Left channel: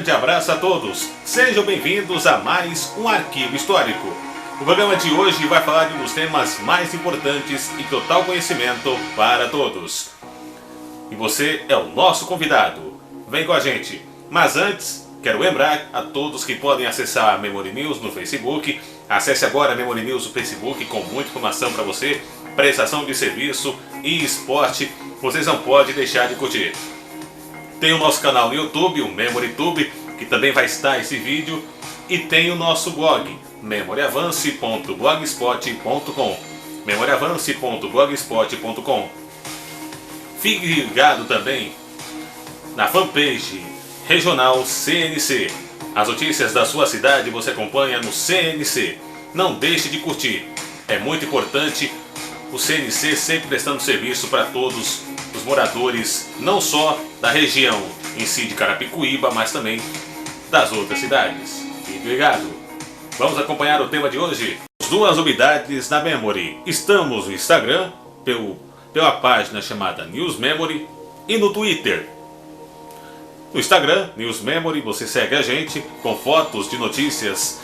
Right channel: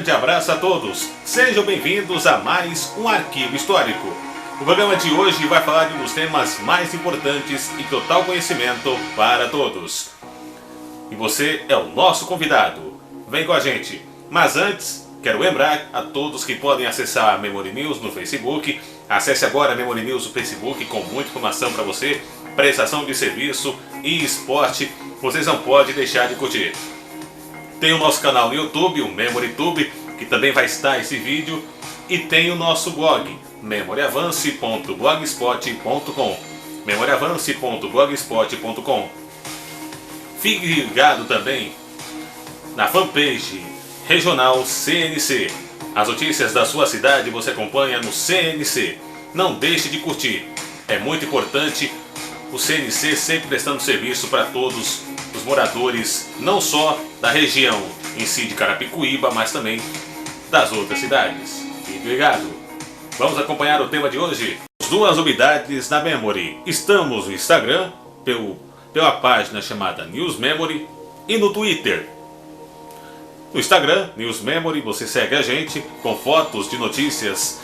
grande abraço a todos. Sejam bem-vindos a mais um Arquivo Histórico. O programa de hoje vai falar de um dos temas mais importantes e total conhecimento para todos. E você é o nosso convidado. Vem com a gente. Mas antes, quero lembrar a todos que podem acessar a Memory News no Facebook. Acesse agora a Memory News no Facebook com muita informação para você, prestação de serviço e esporte. Vocês não podem deixar de curtir. Tem o nosso canal no YouTube, o MemoryTube, que também vai estar esse vídeo. E tem o nosso blog, memoriavance.blogspot.com, memoriavance.blogspot.com. Fique ligado também na fanpage regional CNC. As notícias da sua cidade você acompanha no CNC. Não deixe de curtir. É muito importante o CNC sempre prestando serviço para todos os moradores, não só da região em si de Carapicuíba, mas também das outras cidades. Fique ligado. Vamos acompanhar o tema de hoje. As duas novidades da Memory. Estamos no Instagram, pela página chamada News Memory, e no Twitter. No Instagram, News Memory, você segue a gente com fotos de notícias,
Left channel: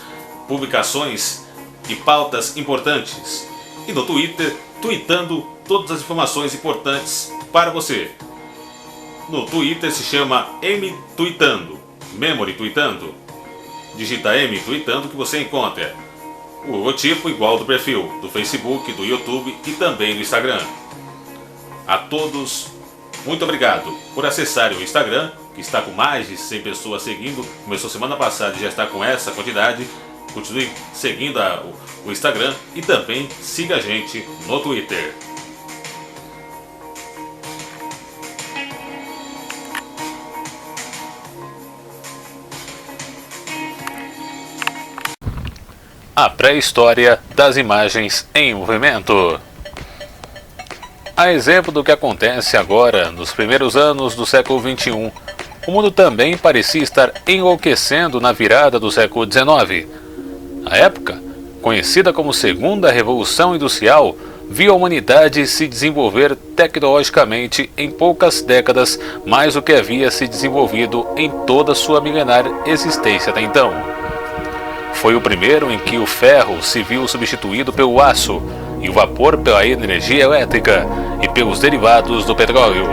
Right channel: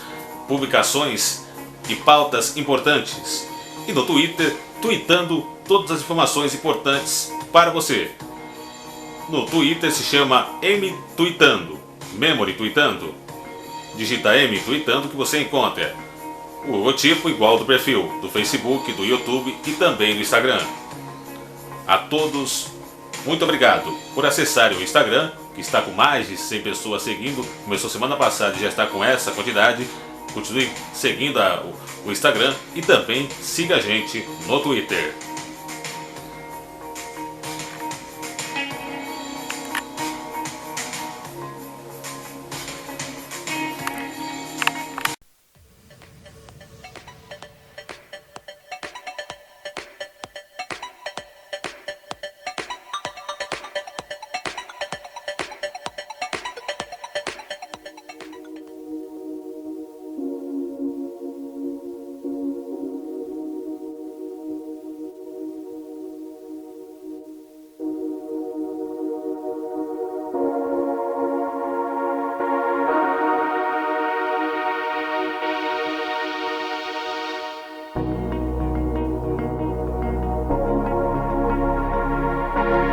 publicações e pautas importantes. E no Twitter, tweetando todas as informações importantes para você. No Twitter se chama M Tweetando, Memory Tweetando. Digita M Tweetando que você encontra o logotipo igual do perfil do Facebook, do YouTube e também do Instagram. A todos, muito obrigado por acessarem o Instagram, que está com mais de 100 pessoas seguindo. Começou semana passada e já está com essa quantidade. Continue seguindo o Instagram e também siga a gente no Twitter. A pré-história das imagens em movimento. A exemplo do que acontece agora, nos primeiros anos do século XXI, o mundo também parecia estar enlouquecendo na virada do século XIX. A época, conhecida como Segunda Revolução Industrial, viu a humanidade se desenvolver tecnologicamente em poucas décadas mais do que havia se desenvolvido em toda sua milenar existência até então. Foi o primeiro em que o ferro se viu substituído pelo aço e o vapor pela energia elétrica e pelos derivados do petróleo.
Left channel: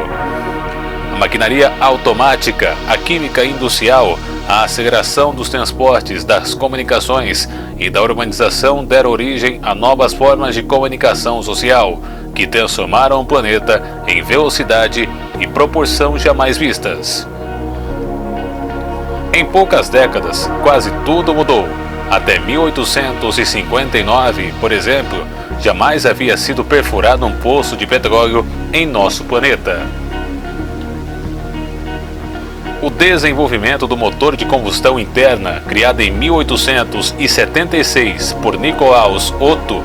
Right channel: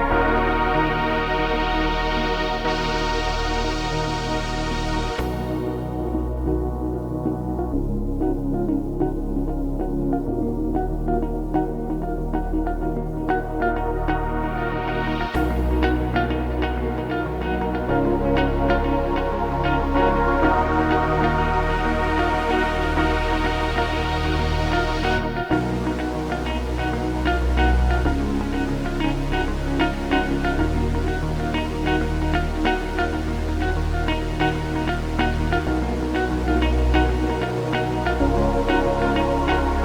A maquinaria automática, a química industrial, a aceleração dos transportes, das comunicações e da urbanização deram origem a novas formas de comunicação social, que transformaram o planeta em velocidade e proporção jamais vistas. Em poucas décadas, quase tudo mudou. Até 1859, por exemplo, jamais havia sido perfurado um poço de petróleo em nosso planeta. O desenvolvimento do motor de combustão interna, criado em 1876 por Nicolaus Otto,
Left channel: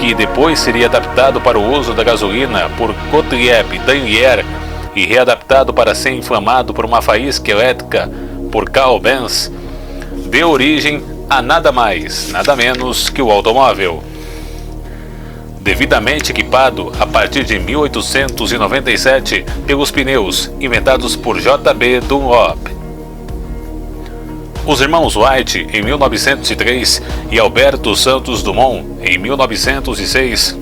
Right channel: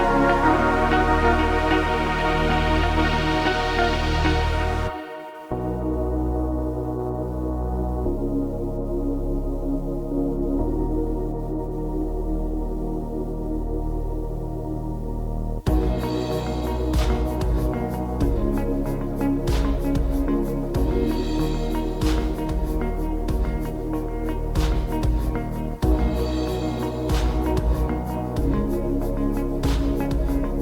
que depois seria adaptado para o uso da gasolina por Gottlieb Daimler e readaptado para ser inflamado por uma faísca elétrica por Carl Benz, deu origem a nada mais, nada menos que o automóvel. Devidamente equipado a partir de 1897 pelos pneus inventados por J.B. Dunlop. Os irmãos Wright em 1903 e Alberto Santos Dumont em 1906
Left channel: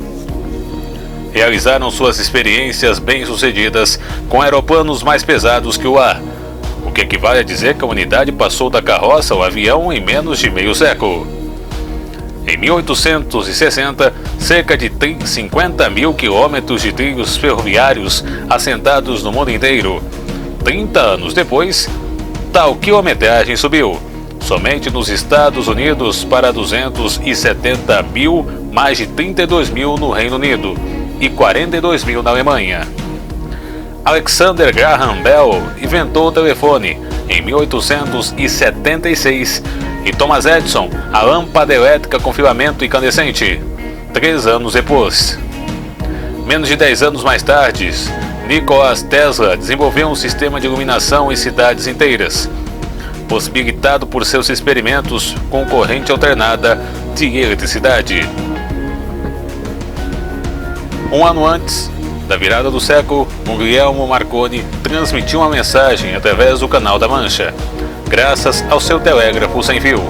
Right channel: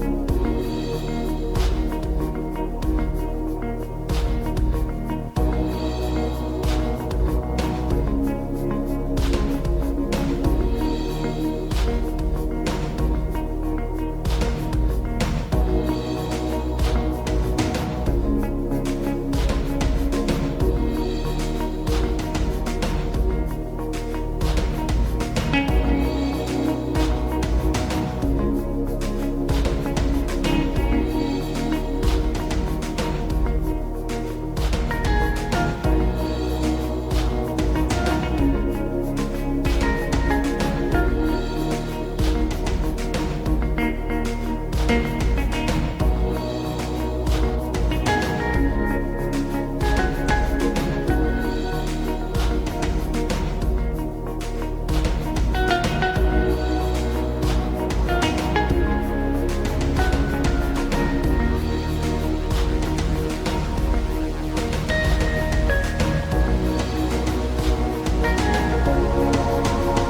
realizaram suas experiências bem-sucedidas com aeroplanos mais pesados que o ar, o que equivale a dizer que a humanidade passou da carroça ao avião em menos de meio século. Em 1860, cerca de 50 mil quilômetros de trilhos ferroviários assentados no mundo inteiro. 30 anos depois, tal quilometragem subiu, somente nos Estados Unidos para 270 mil, mais de 32 mil no Reino Unido e 42 mil na Alemanha. Alexander Graham Bell inventou o telefone em 1876 e Thomas Edison a lâmpada elétrica com filamento incandescente 3 anos depois. Menos de 10 anos mais tarde, Nikola Tesla desenvolveu um sistema de iluminação em cidades inteiras, possibilitado por seus experimentos com corrente alternada de eletricidade. Um ano antes da virada do século, Guglielmo Marconi transmitiu uma mensagem através do Canal da Mancha. graças ao seu telégrafo sem fio.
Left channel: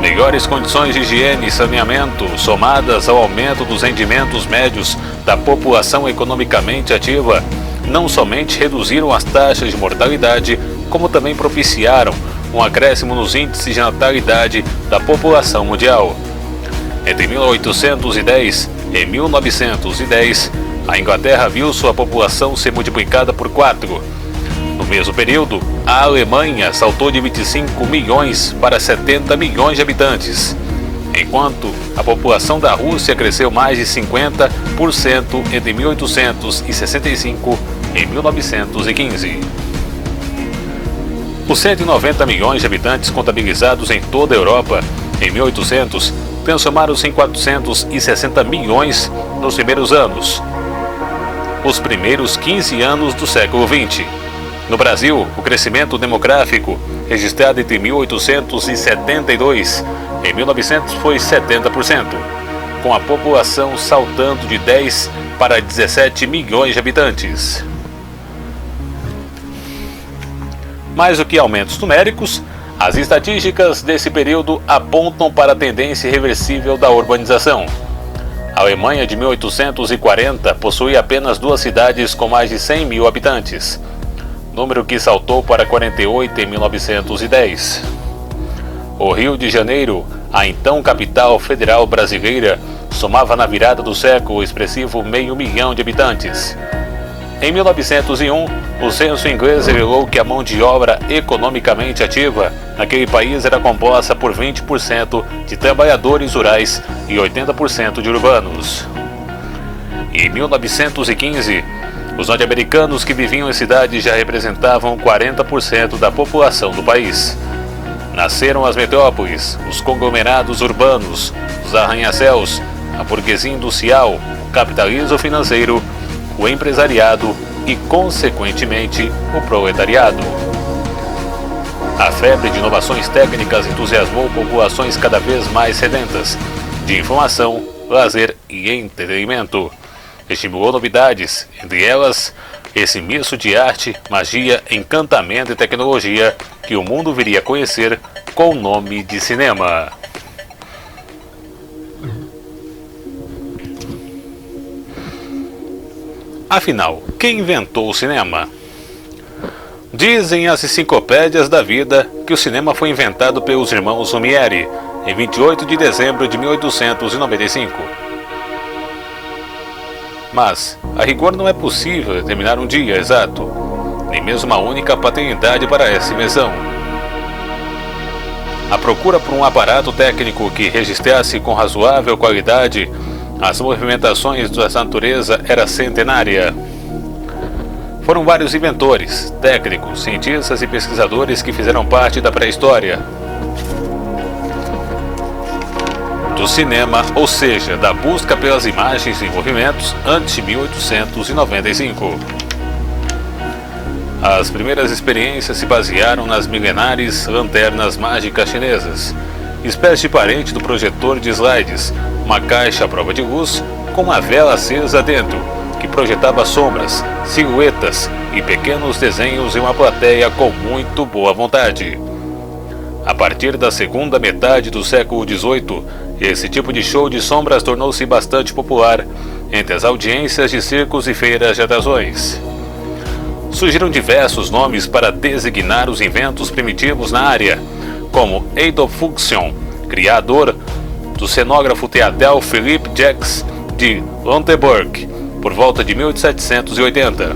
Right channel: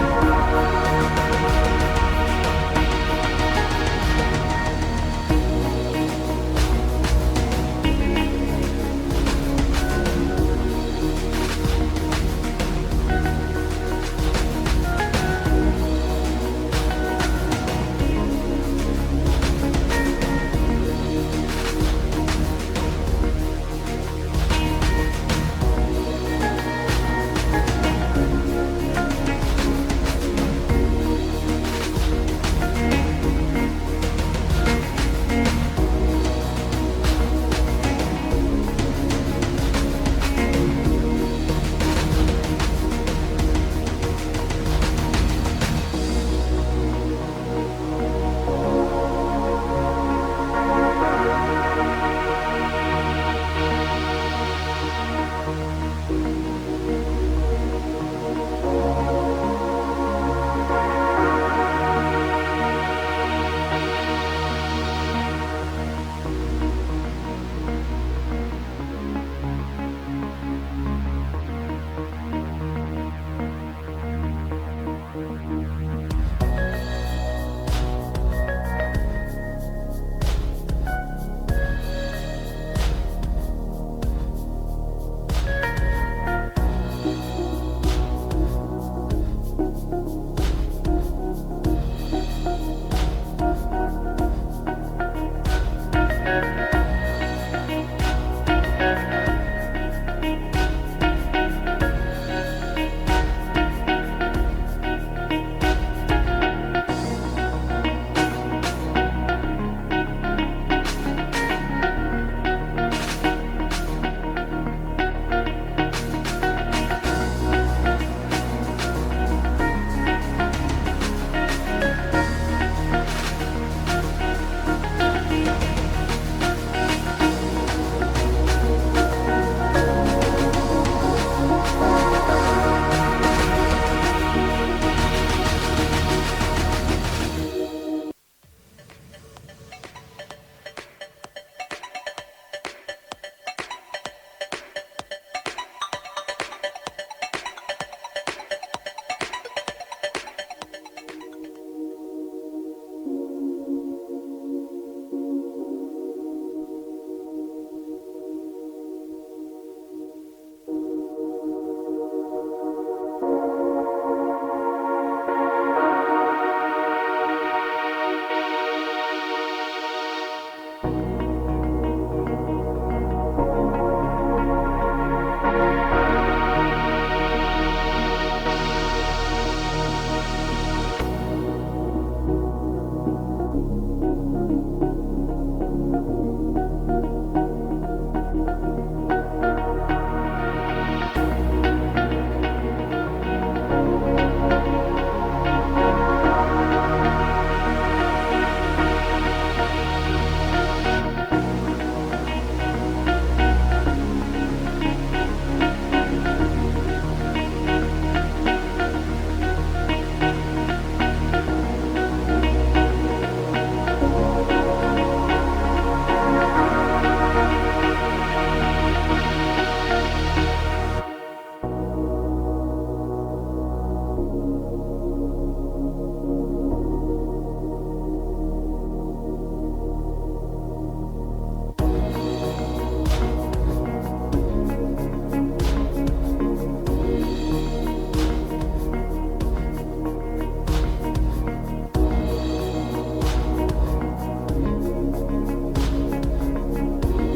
Melhores condições de higiene e saneamento, somadas ao aumento dos rendimentos médios da população economicamente ativa, não somente reduziram as taxas de mortalidade, como também propiciaram um acréscimo nos índices de natalidade da população mundial. Entre 1810 e 1910, a Inglaterra viu sua população ser multiplicada por 4. No mesmo período, a Alemanha saltou de 25 milhões para 70 milhões de habitantes, enquanto a população da Rússia cresceu mais de 50% entre 1865 e 1915. Os 190 milhões de habitantes contabilizados em toda a Europa em 1800 transformaram-se em 460 milhões nos primeiros anos, os primeiros 15 anos do século XX. No Brasil, o crescimento demográfico, registrado entre 1872 e 1900, foi 70%, com a população saltando de 10 para 17 milhões de habitantes. Mais do que aumentos numéricos, as estatísticas desse período apontam para a tendência irreversível da urbanização. A Alemanha de 1840 possuía apenas 2 cidades com mais de 100 mil habitantes, número que saltou para 48 em 1910. O Rio de Janeiro, a então capital federal brasileira, somava na virada do século o expressivo 500.000 de habitantes. Em 1901, o censo inglês revelou que a mão de obra economicamente ativa naquele país era composta por 20% de trabalhadores rurais e 80% de urbanos. Em 1915, os norte-americanos que viviam em cidades já representavam 40% da população do país. Nasceram as metrópoles, os conglomerados urbanos, os arranha-céus, a burguesia industrial, o capitalismo financeiro, o empresariado e, consequentemente, o proletariado. A febre de inovações técnicas entusiasmou populações cada vez mais sedentas de informação, lazer e entretenimento. Estimulou novidades, entre elas esse misto de arte, magia, encantamento e tecnologia que o mundo viria a conhecer com o nome de cinema. Afinal, quem inventou o cinema? Dizem as enciclopédias da vida que o cinema foi inventado pelos irmãos Lumière em 28 de dezembro de 1895. Mas, a rigor, não é possível determinar um dia exato, nem mesmo uma única paternidade para essa invenção. A procura por um aparato técnico que registrasse com razoável qualidade as movimentações da natureza era centenária. Foram vários inventores, técnicos, cientistas e pesquisadores que fizeram parte da pré-história do cinema, ou seja, da busca pelas imagens e movimentos antes de 1895. As primeiras experiências se basearam nas milenares lanternas mágicas chinesas, espécie parente do projetor de slides, uma caixa à prova de luz com uma vela acesa dentro, que projetava sombras, silhuetas e pequenos desenhos em uma plateia com muito boa vontade. A partir da segunda metade do século XVIII, esse tipo de show de sombras tornou-se bastante popular entre as audiências de circos e feiras de atrações. Surgiram diversos nomes para designar os inventos primitivos na área, como Adolf Fuchsion, criador do cenógrafo teatral Philippe Jacques de Lonteburg, por volta de 1780,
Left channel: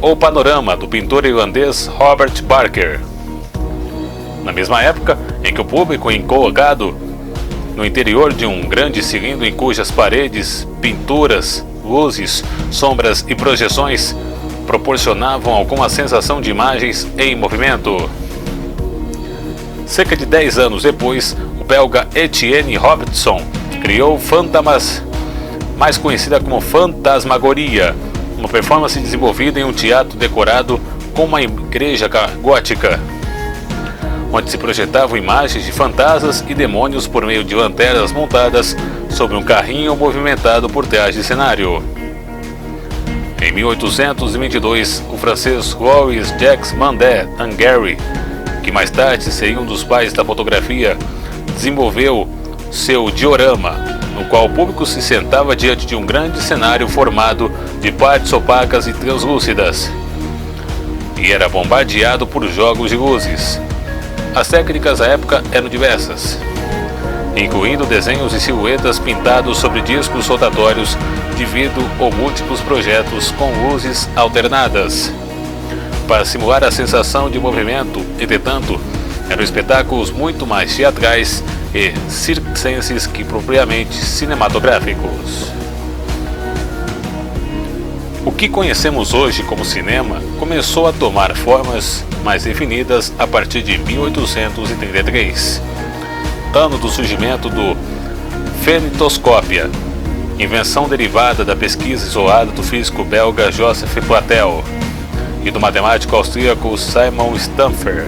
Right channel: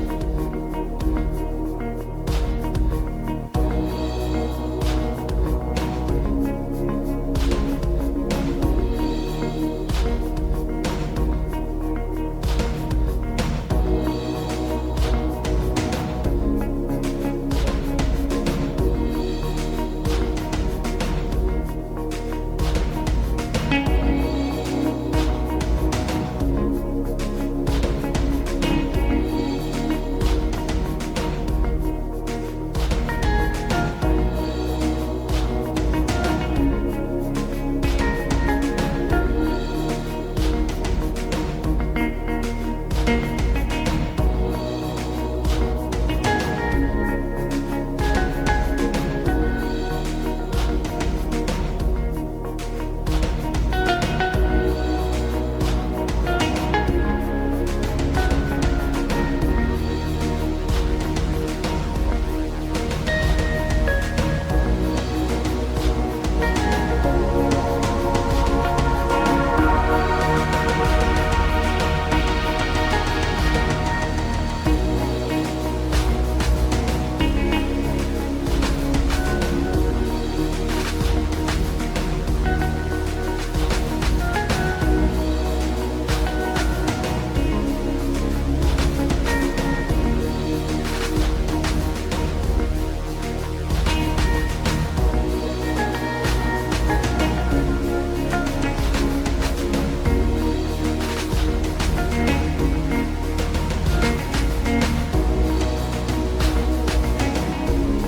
ou Panorama, do pintor irlandês Robert Barker. Na mesma época em que o público colocado no interior de um grande cilindro em cujas paredes, pinturas, luzes, sombras e projeções proporcionavam alguma sensação de imagens em movimento. Cerca de 10 anos depois, o belga Etienne Robinson criou Fantamas, mais conhecida como Fantasmagoria, uma performance desenvolvida em um teatro decorado com uma igreja gótica, onde se projetavam imagens de fantasmas e demônios por meio de lanternas montadas sobre um carrinho movimentado por trás de cenário. Em 1822, o francês Louis Jacques Mandé Hungary que mais tarde seria um dos pais da fotografia, desenvolveu seu diorama, no qual o público se sentava diante de um grande cenário formado de partes opacas e translúcidas, e era bombardeado por jogos de luzes. As técnicas à época eram diversas, incluindo desenhos e silhuetas pintados sobre discos rotatórios devido a múltiplos projetos com luzes alternadas, para simular a sensação de movimento. Entretanto, eram espetáculos muito mais teatrais e circenses que propriamente cinematográficos. O que conhecemos hoje como cinema começou a tomar formas mais definidas a partir de 1833, ano do surgimento do fenetoscópia, invenção derivada da pesquisa isolada do físico belga Joseph Platel e do matemático austríaco Simon Stamfer.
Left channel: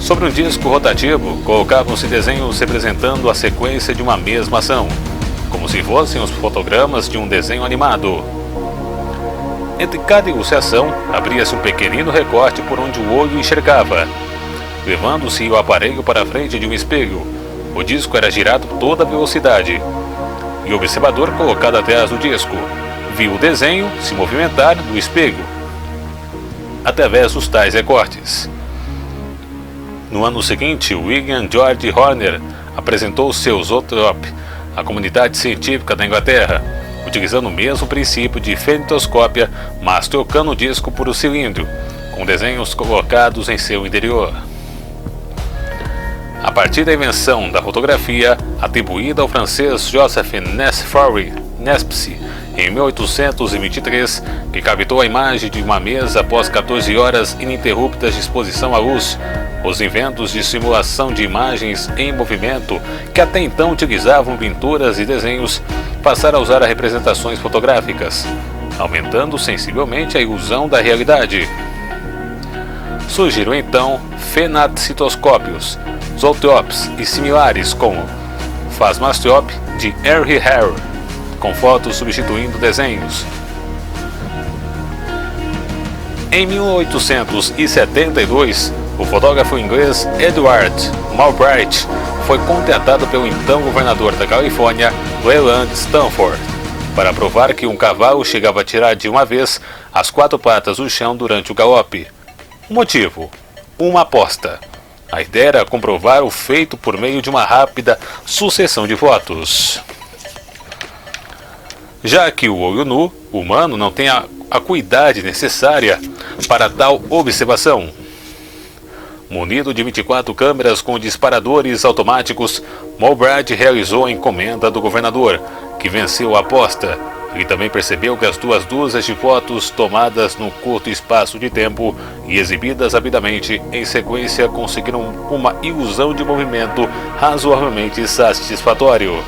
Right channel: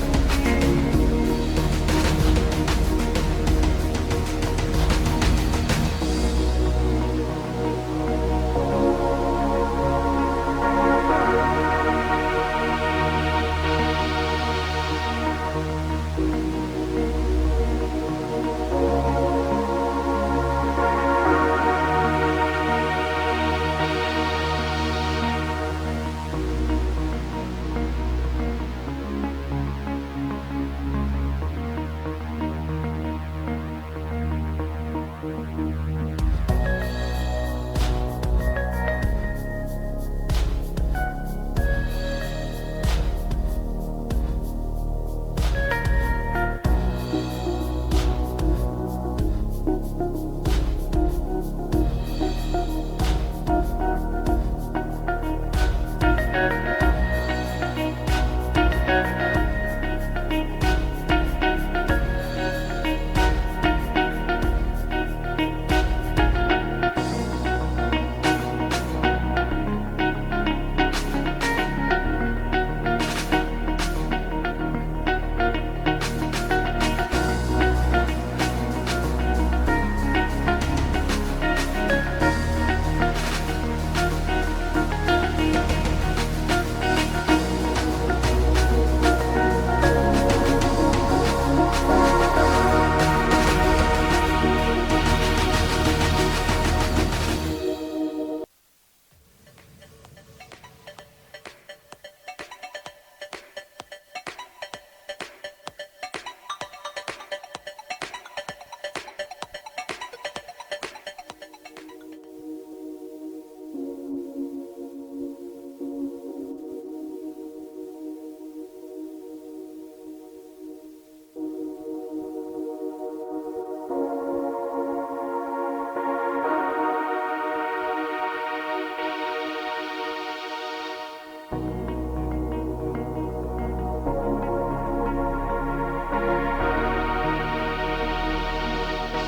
Sobre um disco rotativo, colocavam-se desenhos representando a sequência de uma mesma ação, como se fossem os fotogramas de um desenho animado. Entre cada ilustração, abria-se um pequenino recorte por onde o olho enxergava. Levando-se o aparelho para a frente de um espelho, o disco era girado a toda velocidade, e o observador, colocado atrás do disco, viu o desenho se movimentar no espelho, através dos tais recortes. No ano seguinte, William George Horner apresentou seu Zoetrope à comunidade científica da Inglaterra, utilizando o mesmo princípio de fenetoscópia, mas trocando o disco por um cilindro, com desenhos colocados em seu interior. A partir da invenção da fotografia, atribuída ao francês Joseph Nespsy em 1823, que captou a imagem de uma mesa após 14 horas ininterruptas de exposição à luz, os inventos de simulação de imagens em movimento, que até então utilizavam pinturas e desenhos, passaram a usar representações fotográficas, aumentando sensivelmente a ilusão da realidade. Surgiram então fenacitoscópios, zoetropes e similares, como Plasmastrope de Henry Harrow, com fotos substituindo desenhos. Em 1872, o fotógrafo inglês Edward Mulbright foi contratado pelo então governador da Califórnia, Leland Stanford, para provar que um cavalo chegava a tirar de uma vez as 4 patas do chão durante o galope. O motivo? Uma aposta. A ideia era comprovar o feito por meio de uma rápida sucessão de fotos. Já que o olho nu humano não tem a acuidade necessária para tal observação. Munido de 24 câmeras com disparadores automáticos, Mulbright realizou a encomenda do governador, que venceu a aposta. Ele também percebeu que as 2 dúzias de fotos tomadas num curto espaço de tempo e exibidas rapidamente em sequência conseguiram uma ilusão de movimento razoavelmente satisfatório.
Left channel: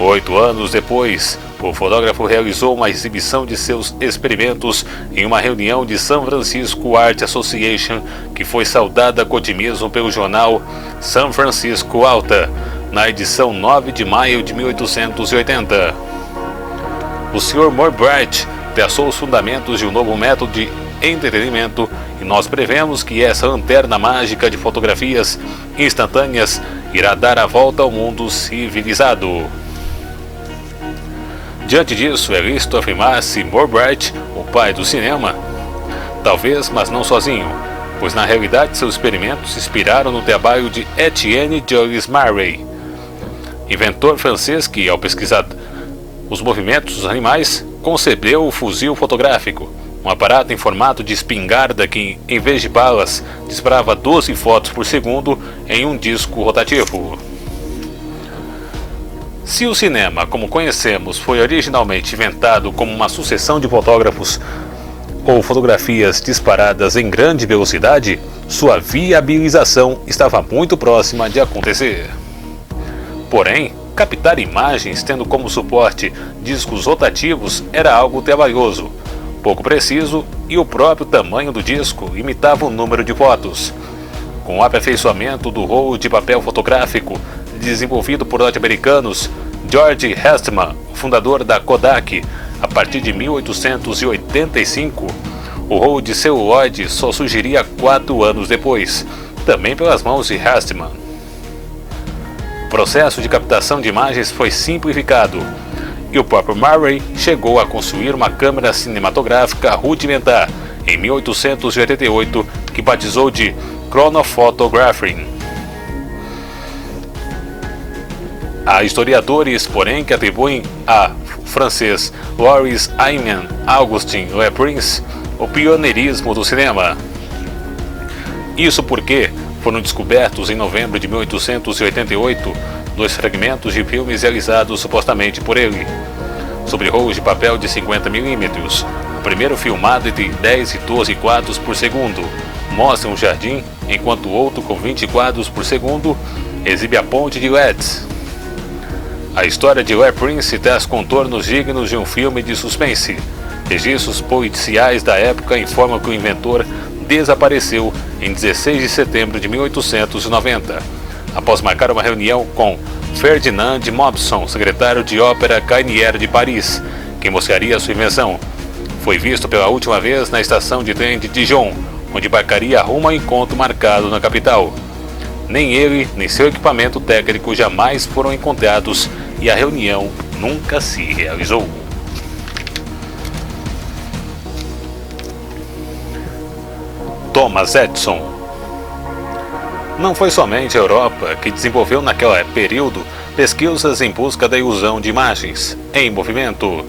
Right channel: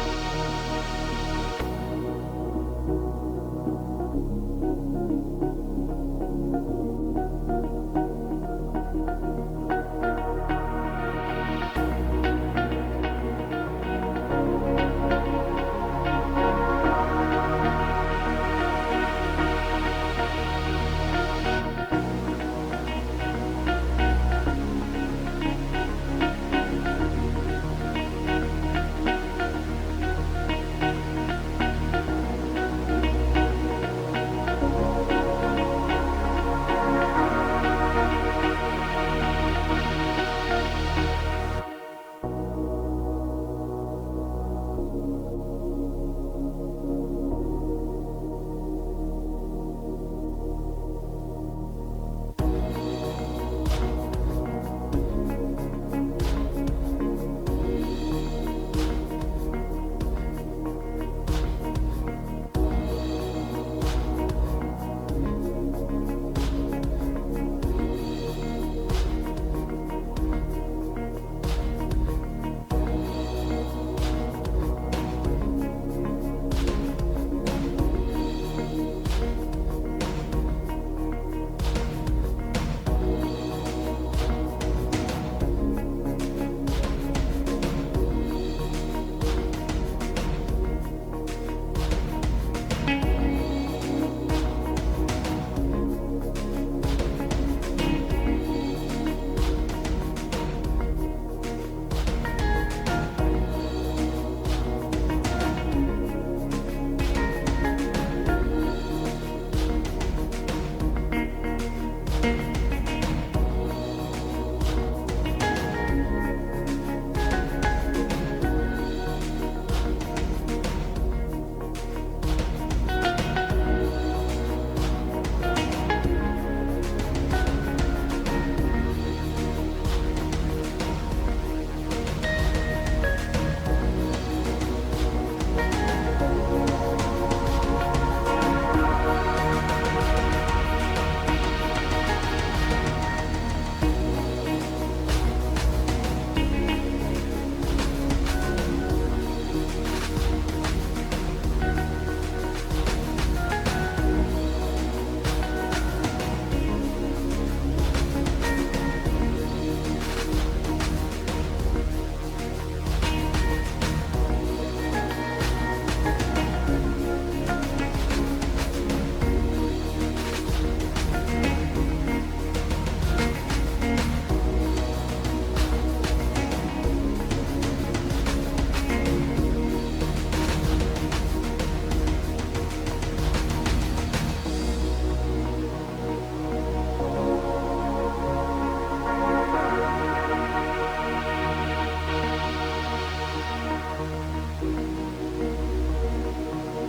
8 anos depois, o fotógrafo realizou uma exibição de seus experimentos em uma reunião de San Francisco Art Association, que foi saudada com otimismo pelo jornal San Francisco Alta, na edição 9 de maio de 1880. O Sr. Mulbright traçou os fundamentos de um novo método de entretenimento e nós prevemos que essa lanterna mágica de fotografias instantâneas irá dar a volta ao mundo civilizado. Diante disso, é lícito afirmar-se Mulbright, o pai do cinema? Talvez, mas não sozinho, pois na realidade seus experimentos se inspiraram no trabalho de Etienne Jules Marey, inventor francês que, ao pesquisar os movimentos dos animais, concebeu o fuzil fotográfico, um aparato em formato de espingarda que, em vez de balas, disparava 12 fotos por segundo em um disco rotativo. Se o cinema, como conhecemos, foi originalmente inventado como uma sucessão de fotógrafos ou fotografias disparadas em grande velocidade, sua viabilização estava muito próxima de acontecer. Porém, captar imagens tendo como suporte discos rotativos era algo trabalhoso, pouco preciso, e o próprio tamanho do disco limitava o número de fotos. Com o aperfeiçoamento do rolo de papel fotográfico desenvolvido por norte-americanos, George Eastman, fundador da Kodak, a partir de 1885, o rolo de celuloide só surgiria 4 anos depois, também pelas mãos de Hastman. O processo de captação de imagens foi simplificado e o próprio Murray chegou a construir uma câmera cinematográfica rudimentar em 1888 que batizou de Chronophotography. Há historiadores, porém, que atribuem a francês Louis Ayman Augustin Le Prince o pioneirismo do cinema. Isso porque foram descobertos em novembro de 1888 dois fragmentos de filmes realizados supostamente por ele, sobre rolos de papel de 50mm. O primeiro, filmado entre 10 e 12 quadros por segundo, mostra um jardim, enquanto o outro, com 20 quadros por segundo, exibe a ponte de Leeds. A história de Le Prince traz contornos dignos de um filme de suspense. Registros policiais da época informam que o inventor desapareceu em 16 de setembro de 1890, após marcar uma reunião com Ferdinand Mopson, secretário de ópera Garnier de Paris, que mostraria sua invenção. Foi visto pela última vez na estação de trem de Dijon, onde embarcaria rumo ao encontro marcado na capital. Nem ele, nem seu equipamento técnico jamais foram encontrados e a reunião nunca se realizou. Thomas Edison. Não foi somente a Europa que desenvolveu naquele período pesquisas em busca da ilusão de imagens em movimento.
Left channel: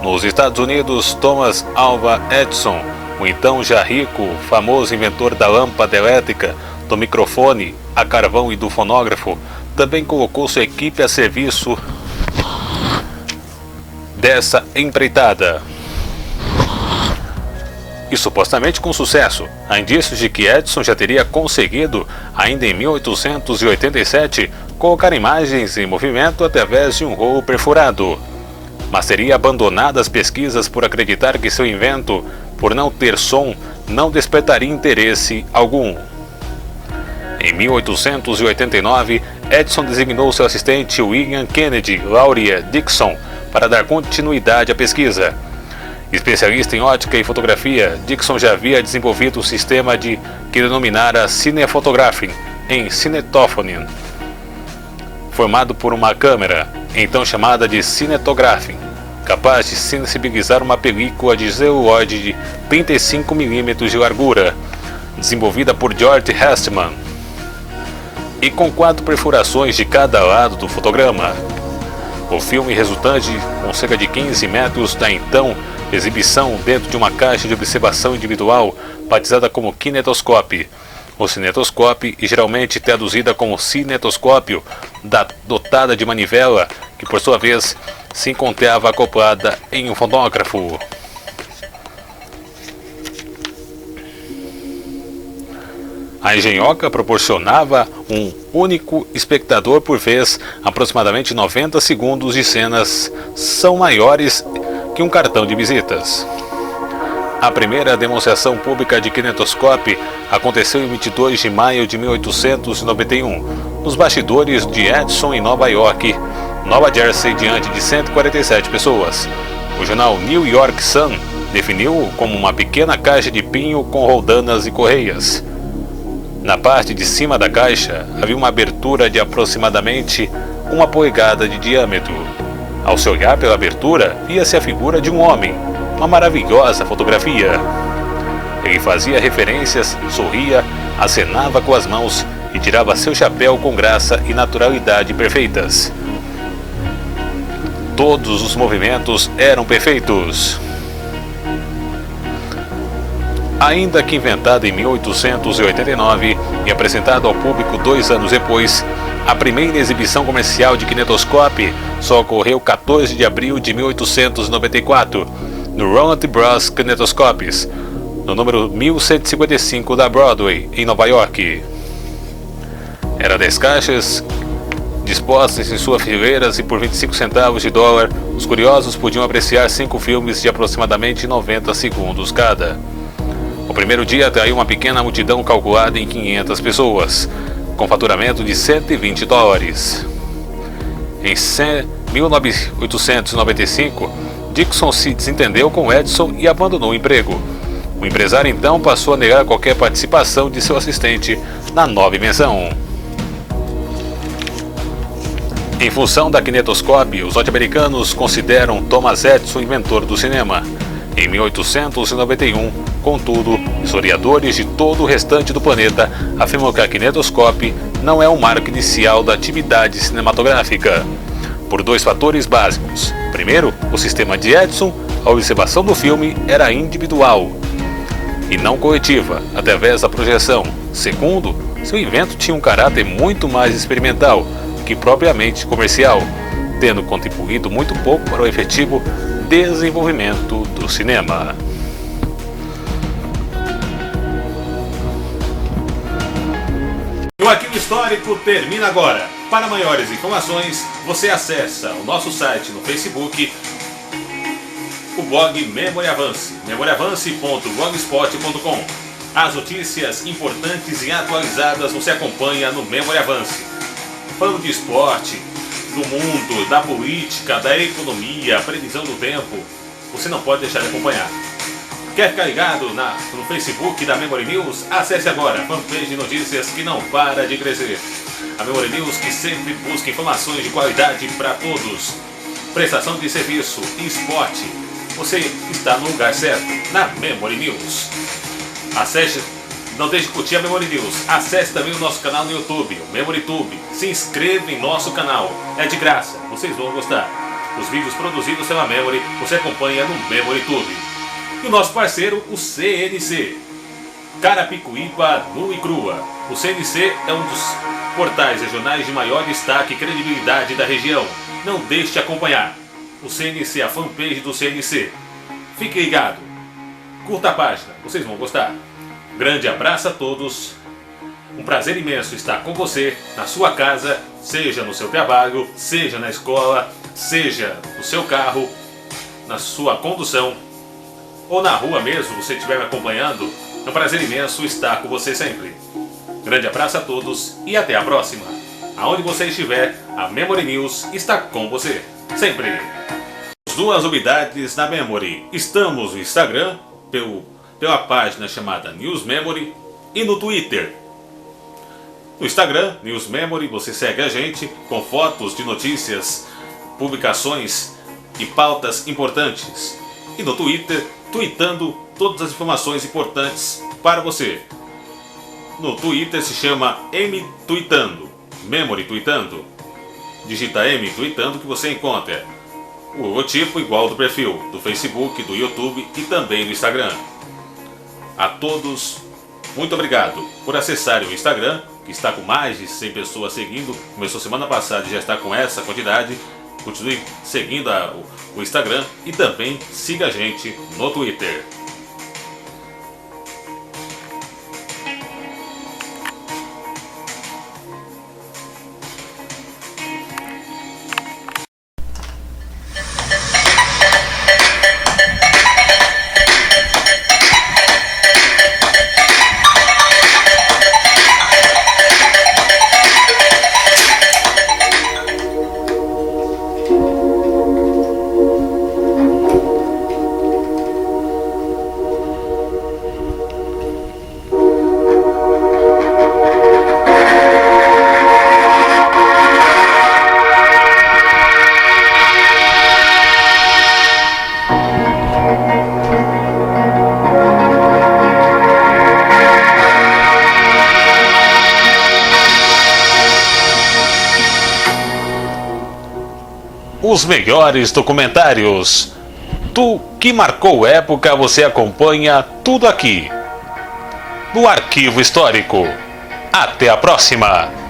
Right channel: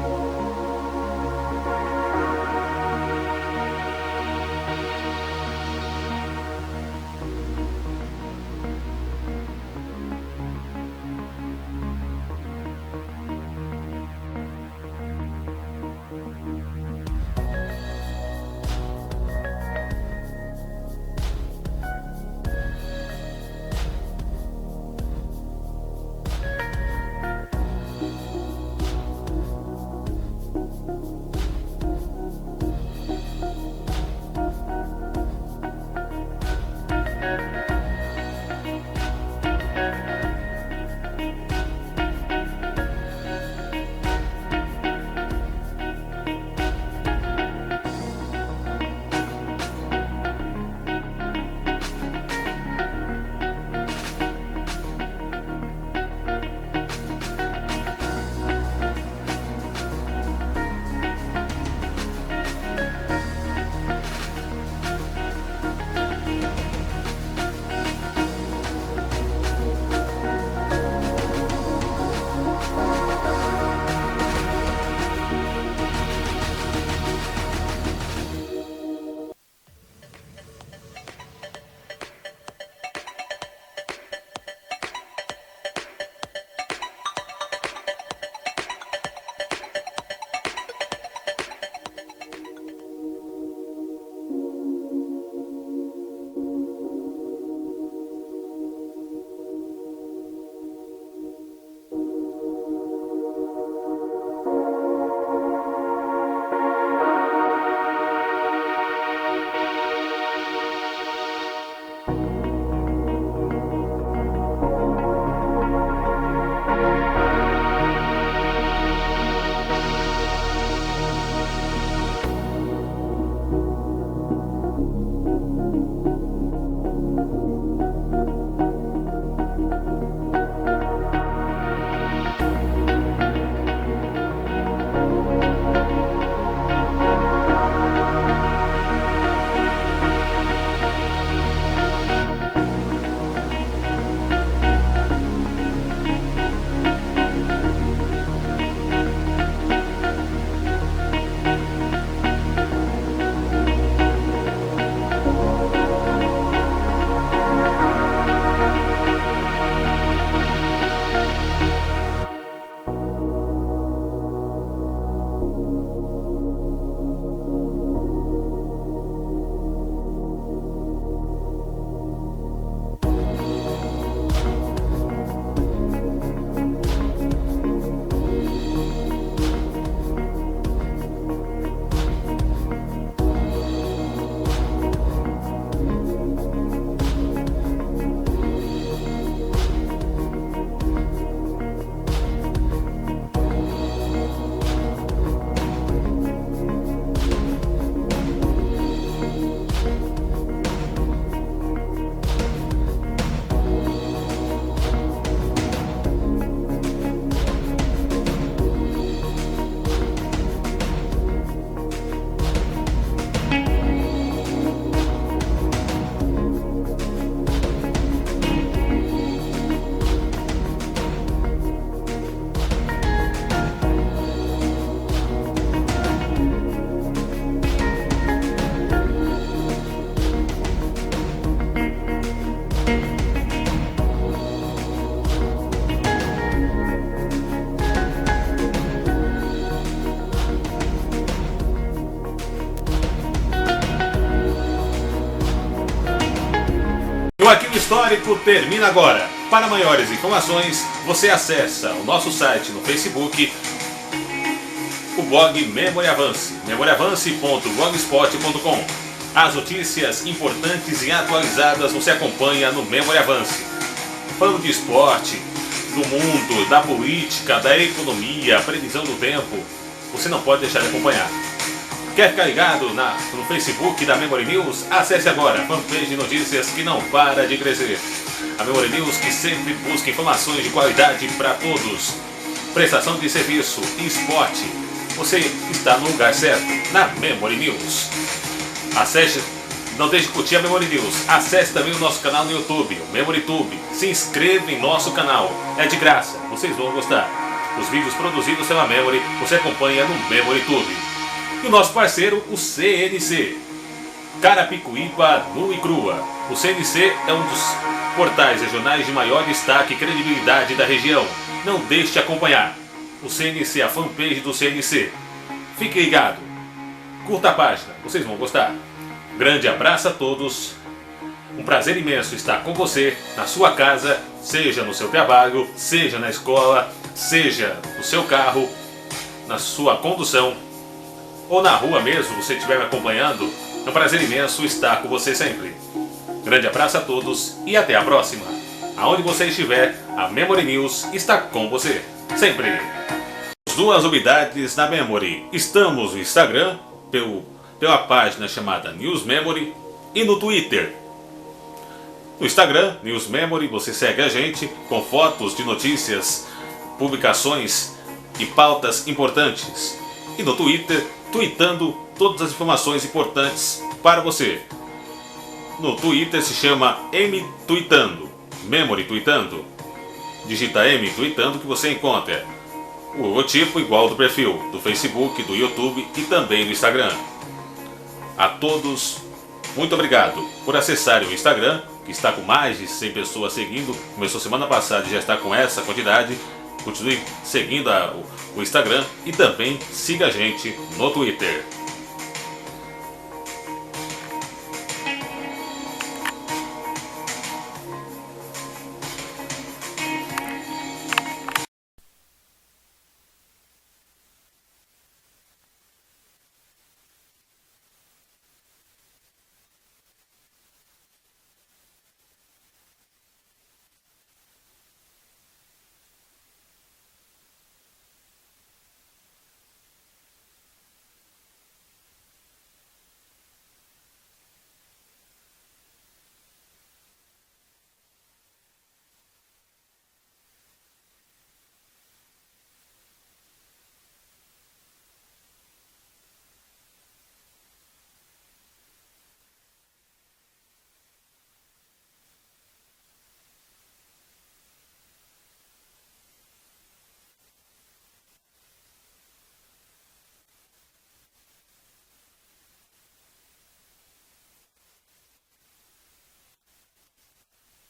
Nos Estados Unidos, Thomas Alva Edison, o então já rico, famoso inventor da lâmpada elétrica, do microfone a carvão e do fonógrafo, também colocou sua equipe a serviço dessa empreitada. E supostamente com sucesso. Há indícios de que Edison já teria conseguido, ainda em 1887, colocar imagens em movimento através de um rolo perfurado. Mas teria abandonado as pesquisas por acreditar que seu invento, por não ter som, não despertaria interesse algum. Em 1889, Edison designou seu assistente William Kennedy Laurier Dixon para dar continuidade à pesquisa. Especialista em ótica e fotografia, Dixon já havia desenvolvido um sistema que denominara Cinephotography em Cinetophone, formado por uma câmera, então chamada de Cinetography, capaz de sensibilizar uma película de celuloide de 35mm de largura, desenvolvida por George Hastman, e com 4 perfurações de cada lado do fotograma. O filme resultante, com cerca de 15 metros da então exibição dentro de uma caixa de observação individual, batizada como kinetoscope, ou cinetoscope, e geralmente traduzida como cinetoscópio, dotada de manivela, que por sua vez se encontrava acoplada em um fonógrafo. A engenhoca proporcionava um único espectador por vez. Aproximadamente 90 segundos de cenas são maiores que um cartão de visitas. A primeira demonstração pública de kinetoscope aconteceu em 22 de maio de 1891, nos bastidores de Edison em Nova York, Nova Jersey, diante de 147 pessoas. O jornal New York Sun definiu-o como uma pequena caixa de pinho com roldanas e correias. Na parte de cima da caixa havia uma abertura de aproximadamente 1 polegada de diâmetro. Ao se olhar pela abertura, via-se a figura de um homem, uma maravilhosa fotografia. Ele fazia referências, sorria, acenava com as mãos e tirava seu chapéu com graça e naturalidade perfeitas. Todos os movimentos eram perfeitos. Ainda que inventado em 1889 e apresentado ao público 2 anos depois, a primeira exibição comercial de kinetoscope só ocorreu 14 de abril de 1894, no Ronald Bros. Kinetoscopes, no número 1155 da Broadway, em Nova York. Eram 10 caixas dispostas em suas fileiras e por 25 centavos de dólar, os curiosos podiam apreciar 5 filmes de aproximadamente 90 segundos cada. O primeiro dia atraiu uma pequena multidão calculada em 500 pessoas, com faturamento de 120 dólares. Em 1895, Dixon se desentendeu com Edison e abandonou o emprego. O empresário então passou a negar qualquer participação de seu assistente na nova invenção. Em função da kinetoscópio, os norte-americanos consideram Thomas Edison inventor do cinema. Em 1891, contudo, historiadores de todo o restante do planeta afirmam que a kinetoscópio não é o marco inicial da atividade cinematográfica, por dois fatores básicos. Primeiro, o sistema de Edison, a observação do filme era individual e não coletiva, através da projeção. Segundo, seu invento tinha um caráter muito mais experimental que propriamente comercial, tendo contribuído muito pouco para o efetivo desenvolvimento do cinema. O Arquivo Histórico termina agora. Para maiores informações, você acessa o nosso site no Facebook, o blog Memória Avance, memoriaavance.blogspot.com. As notícias importantes e atualizadas você acompanha no Memória Avance. Falando de esporte, do mundo, da política, da economia, previsão do tempo, você não pode deixar de acompanhar. Quer ficar ligado no Facebook da Memory News? Acesse agora a fanpage de notícias que não para de crescer. A Memory News que sempre busca informações de qualidade para todos. Prestação de serviço e esporte. Você está no lugar certo, na Memory News. Acesse, não deixe de curtir a Memory News. Acesse também o nosso canal no YouTube, o MemoryTube. Se inscreva em nosso canal. É de graça, vocês vão gostar. Os vídeos produzidos pela Memory você acompanha no MemoryTube. E o nosso parceiro, o CNC. Carapicuíba nua e crua. O CNC é um dos portais regionais de maior destaque e credibilidade da região. Não deixe de acompanhar. O CNC, a fanpage do CNC. Fique ligado. Curta a página, vocês vão gostar. Grande abraço a todos. Um prazer imenso estar com você na sua casa, seja no seu trabalho, seja na escola, seja no seu carro, na sua condução ou na rua mesmo, você estiver me acompanhando. É um prazer imenso estar com você sempre. Grande abraço a todos e até a próxima. Aonde você estiver, a Memory News está com você, sempre. As duas novidades na Memory. Estamos no Instagram, pela página chamada News Memory, e no Twitter. No Instagram, News Memory, você segue a gente com fotos de notícias, publicações e pautas importantes. E no Twitter, tweetando todas as informações importantes para você. No Twitter se chama M Tweetando, Memory Tweetando. Digita M Tweetando que você encontra o logotipo igual do perfil do Facebook, do YouTube e também do Instagram. A todos, muito obrigado por acessarem o Instagram, que está com mais de 100 pessoas seguindo. Começou semana passada e já está com essa quantidade. Continue seguindo o Instagram e também siga a gente no Twitter. Os melhores documentários. Tu que marcou época, você acompanha tudo aqui no Arquivo Histórico. Até a próxima!